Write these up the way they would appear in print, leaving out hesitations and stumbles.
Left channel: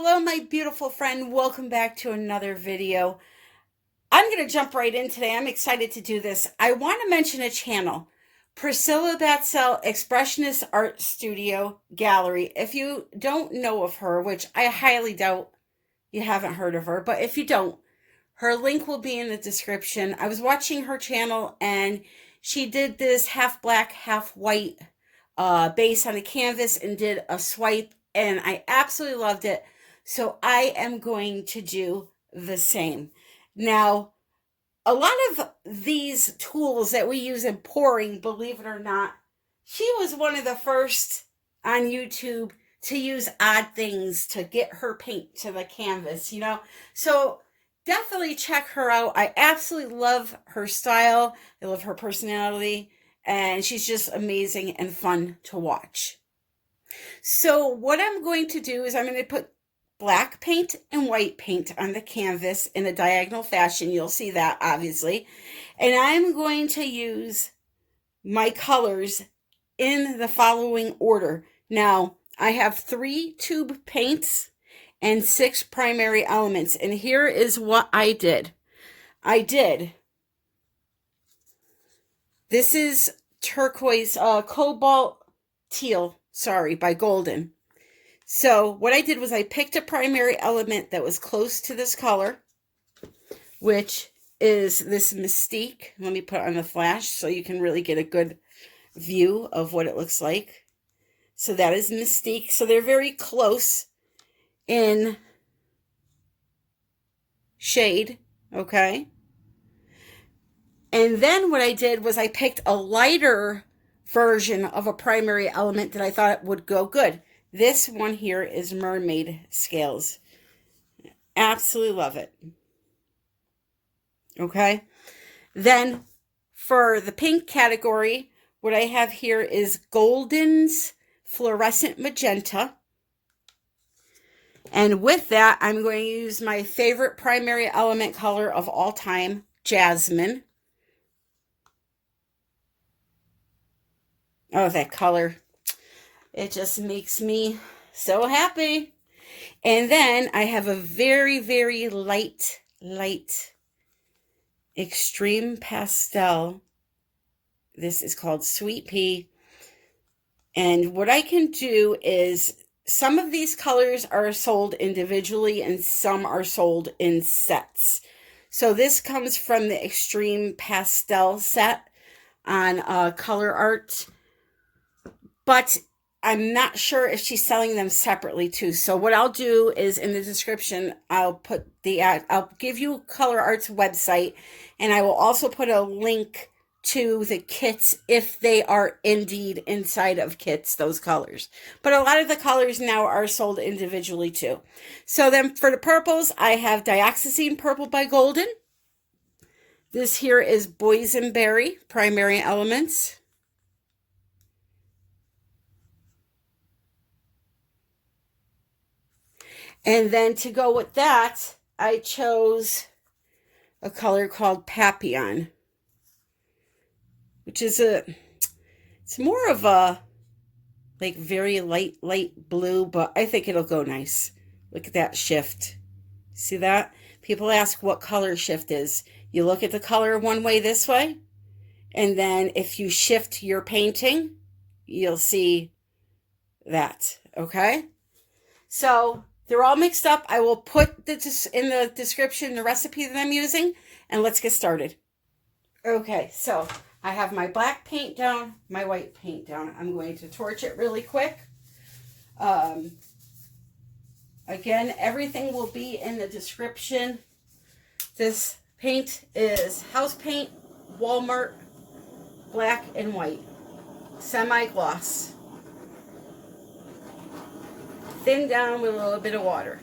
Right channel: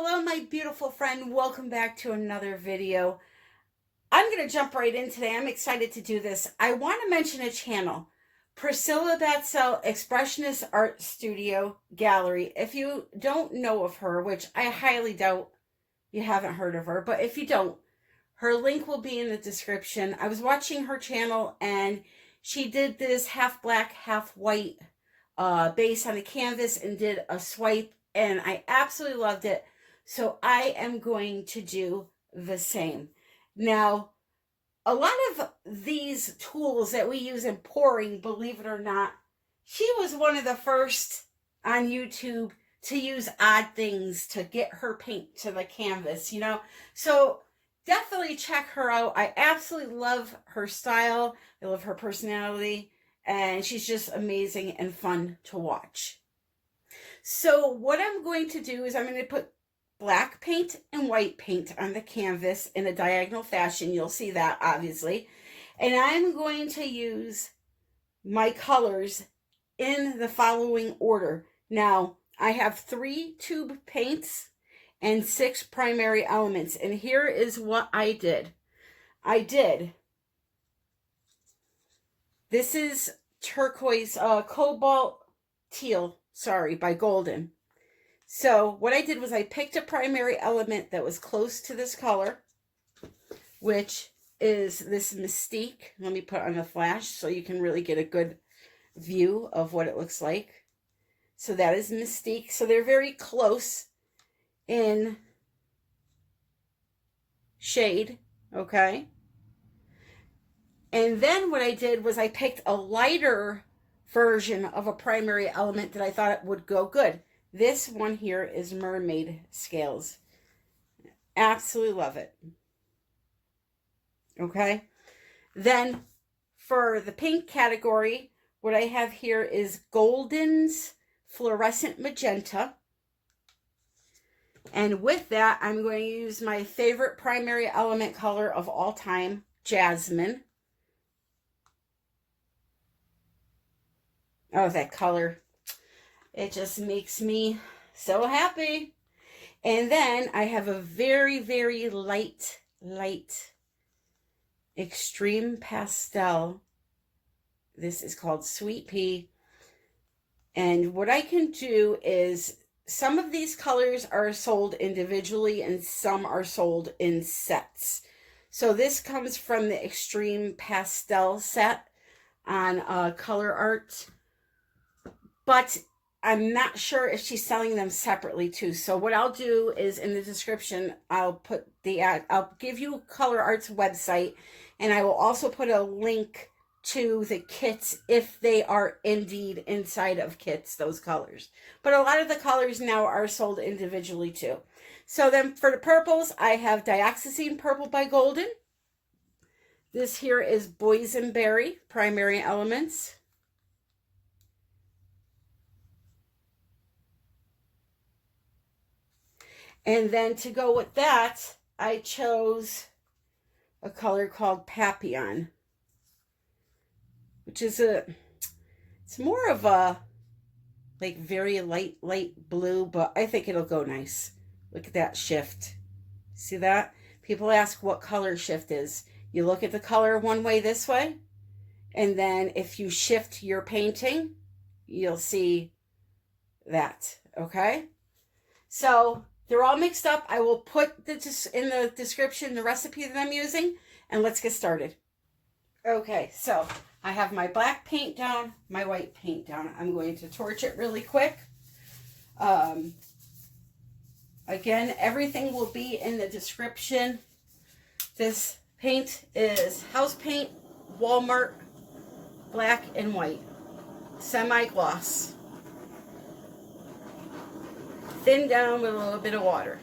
Hello, my beautiful friend. Welcome back to another video. I'm going to jump right in today. I'm excited to do this. I want to mention a channel, Priscilla Expressionist Art Studio Gallery. If you don't know of her, which I highly doubt you haven't heard of her, but if you don't, her link will be in the description. I was watching her channel and she did this half black, half white base on a canvas and did a swipe, and I absolutely loved it. So I am going to do the same. Now, a lot of these tools that we use in pouring, believe it or not, she was one of the first on YouTube to use odd things to get her paint to the canvas, you know? So definitely check her out. I absolutely love her style. I love her personality. And she's just amazing and fun to watch. So what I'm going to do is I'm going to put black paint and white paint on the canvas in a diagonal fashion. You'll see that, obviously. And I'm going to use my colors in the following order. Now, I have 3 tube paints and 6 primary elements. And here is what I did. This is turquoise, Cobalt Teal, by Golden. So what I did was I picked a primary element that was close to this color, which is this Mystique. Let me put it on the flash so you can really get a good view of what it looks like. So that is Mystique. So they're very close in shade, okay? And then what I did was I picked a lighter version of a primary element that I thought would go good. This one here is Mermaid scales. Absolutely love it. Okay. Then for the pink category, what I have here is Golden's Fluorescent Magenta. And with that, I'm going to use my favorite primary element color of all time, Jasmine. Oh, that color. It just makes me so happy. And then I have a very, very light extreme pastel. This is called Sweet Pea. And what I can do is some of these colors are sold individually and some are sold in sets. So this comes from the Extreme Pastel set on Colourarte. But I'm not sure if she's selling them separately too. So what I'll do is in the description, I'll give you Colourarte's website, and I will also put a link to the kits if they are indeed inside of kits, those colors. But a lot of the colors now are sold individually too. So then for the purples, I have Dioxizine Purple by Golden. This here is Boysenberry, primary elements. And then to go with that, I chose a color called Papillion, which is it's more of a like very light blue, but I think it'll go nice. Look at that shift. See that? People ask what color shift is. You look at the color one way this way, and then if you shift your painting, you'll see that, okay? So they're all mixed up. I will put in the description the recipe that I'm using, and let's get started. Okay, so I have my black paint down, my white paint down. I'm going to torch it really quick. Again, everything will be in the description. This paint is house paint, Walmart, black and white, semi gloss. Thin down with a little bit of water.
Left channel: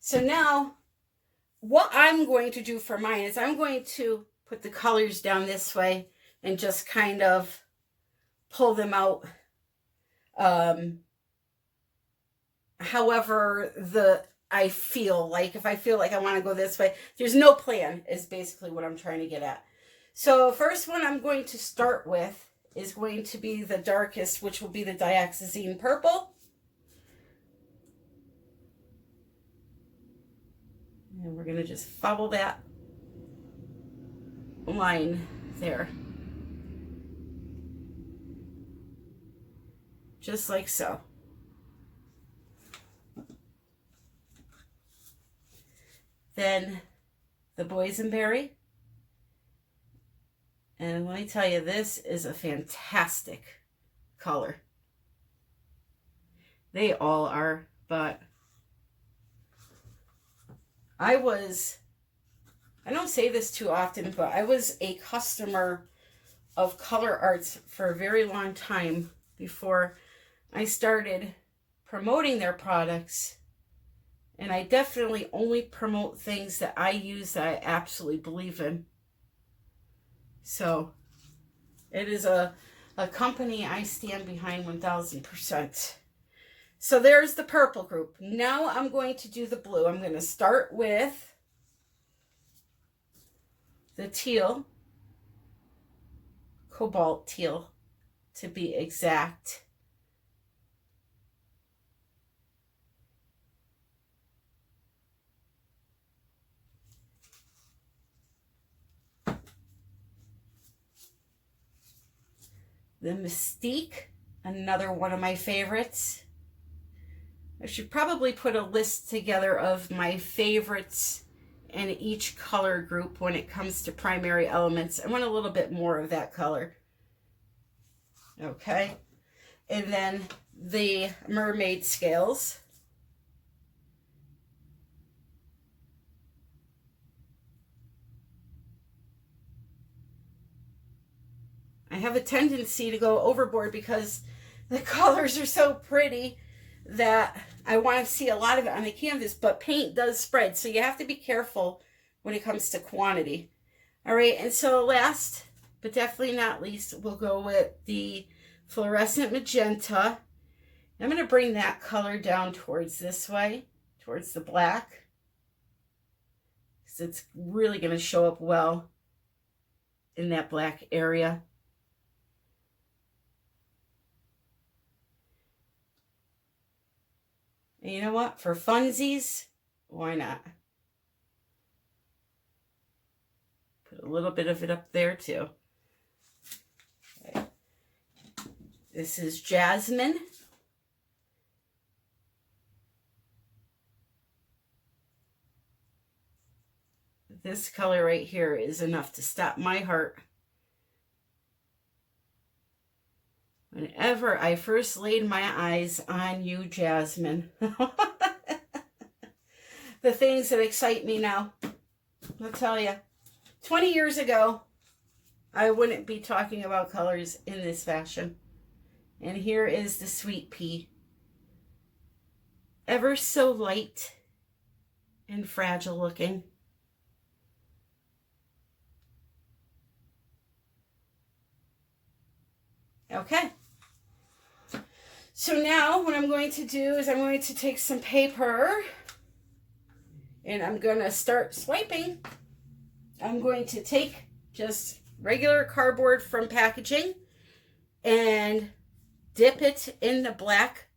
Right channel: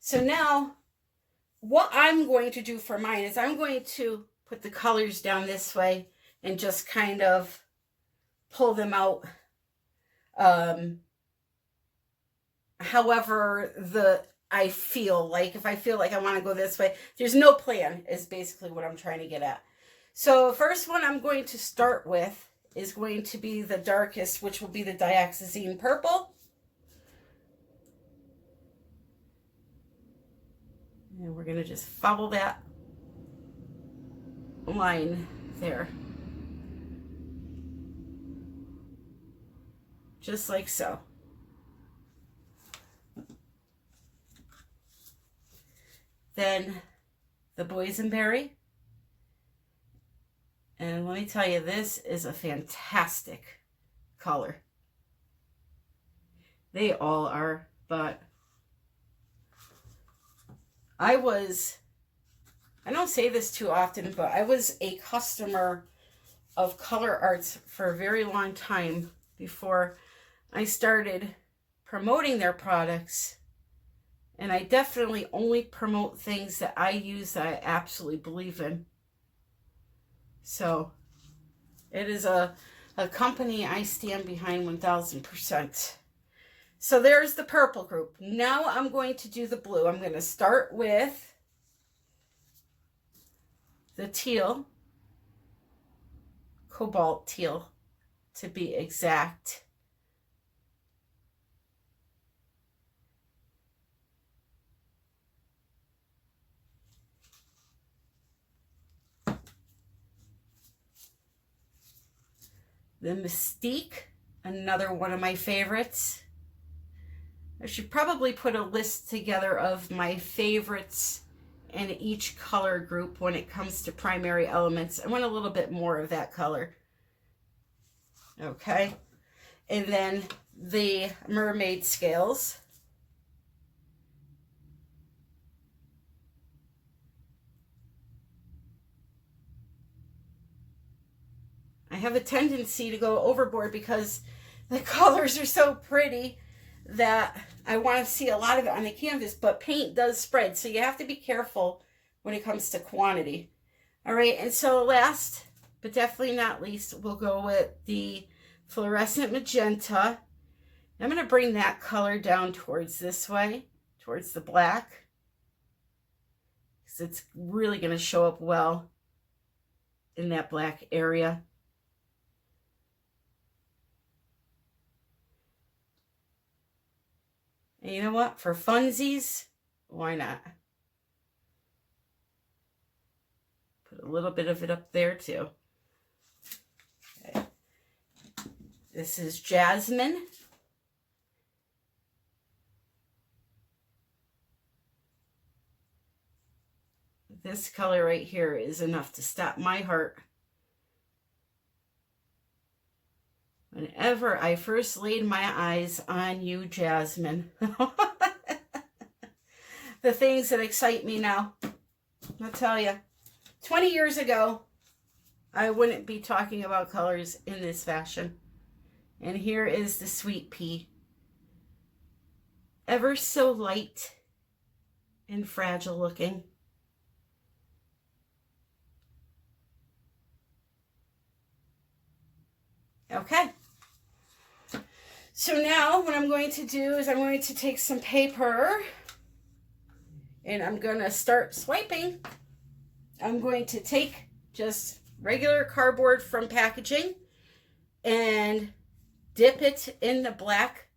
So now what I'm going to do for mine is I'm going to put the colors down this way and just kind of pull them out however I feel like. If I feel like I want to go this way, there's no plan is basically what I'm trying to get at. So first one I'm going to start with is going to be the darkest, which will be the Dioxizine Purple. And we're going to just follow that line there. Just like so. Then the Boysenberry. And let me tell you, this is a fantastic color. They all are, but I don't say this too often, but I was a customer of Colourarte for a very long time before I started promoting their products. And I definitely only promote things that I use that I absolutely believe in. So it is a company I stand behind 1000%. So there's the purple group. Now I'm going to do the blue. I'm going to start with the teal, Cobalt teal to be exact. The Mystique, another one of my favorites. I should probably put a list together of my favorites in each color group when it comes to primary elements. I want a little bit more of that color. Okay. And then the Mermaid scales. I have a tendency to go overboard because the colors are so pretty that I want to see a lot of it on the canvas, but paint does spread, so you have to be careful when it comes to quantity. All right, and so last, but definitely not least, we'll go with the fluorescent magenta. I'm going to bring that color down towards this way, towards the black, because it's really going to show up well in that black area. And you know what? For funsies, why not? Put a little bit of it up there too. Okay. This is Jasmine. This color right here is enough to stop my heart. Whenever I first laid my eyes on you, Jasmine. The things that excite me now. I'll tell you, 20 years ago, I wouldn't be talking about colors in this fashion. And here is the sweet pea. Ever so light and fragile looking. Okay. So now what I'm going to do is I'm going to take some paper and I'm going to start swiping. I'm going to take just regular cardboard from packaging and dip it in the black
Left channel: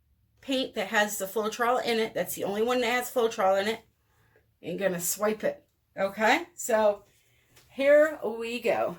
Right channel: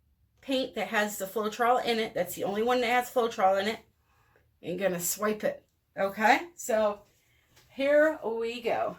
paint that has the Floetrol in it. That's the only one that has Floetrol in it. And going to swipe it. Okay, so here we go.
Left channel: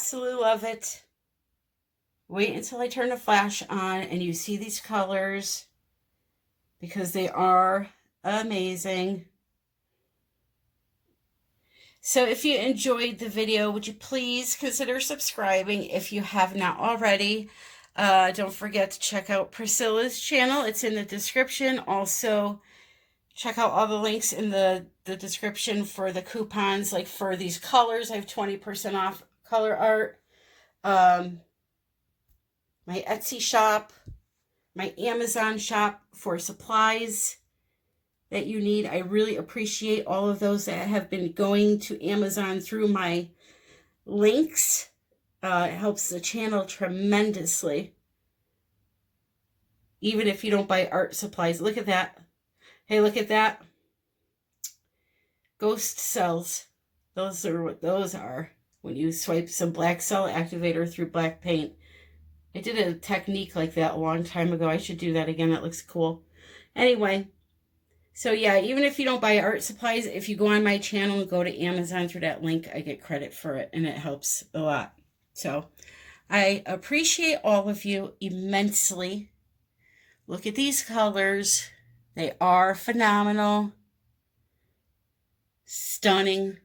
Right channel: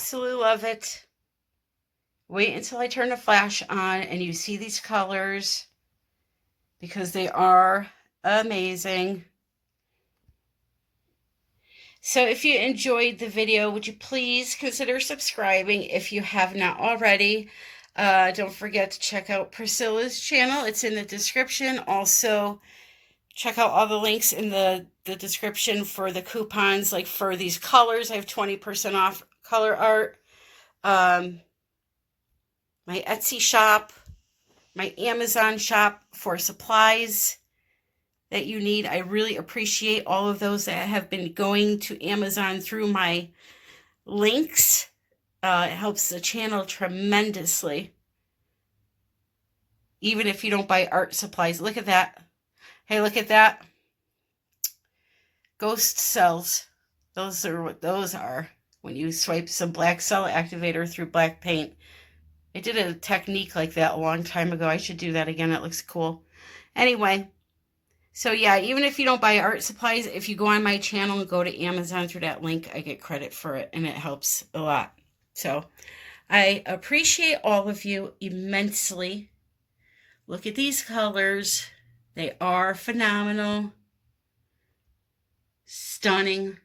absolutely love it. Wait until I turn the flash on and you see these colors, because they are amazing. So if you enjoyed the video, would you please consider subscribing if you have not already? Don't forget to check out Priscilla's channel. It's in the description. Also, check out all the links in the description for the coupons. Like for these colors, I have 20% off Colourarte. My Etsy shop, my Amazon shop for supplies that you need. I really appreciate all of those that have been going to Amazon through my links. It helps the channel tremendously. Even if you don't buy art supplies. Look at that. Hey, look at that. Ghost cells. Those are what those are. When you swipe some black cell activator through black paint. I did a technique like that a long time ago. I should do that again. It looks cool. Anyway. So yeah, even if you don't buy art supplies, if you go on my channel and go to Amazon through that link, I get credit for it, and it helps a lot. So I appreciate all of you immensely. Look at these colors. They are phenomenal. Stunning.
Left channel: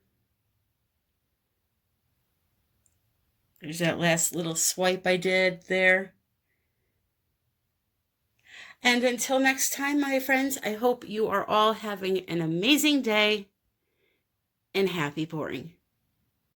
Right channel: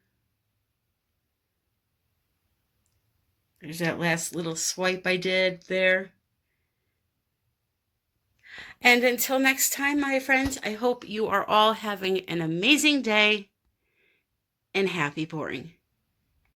There's that last little swipe I did there. And until next time, my friends, I hope you are all having an amazing day and happy pouring.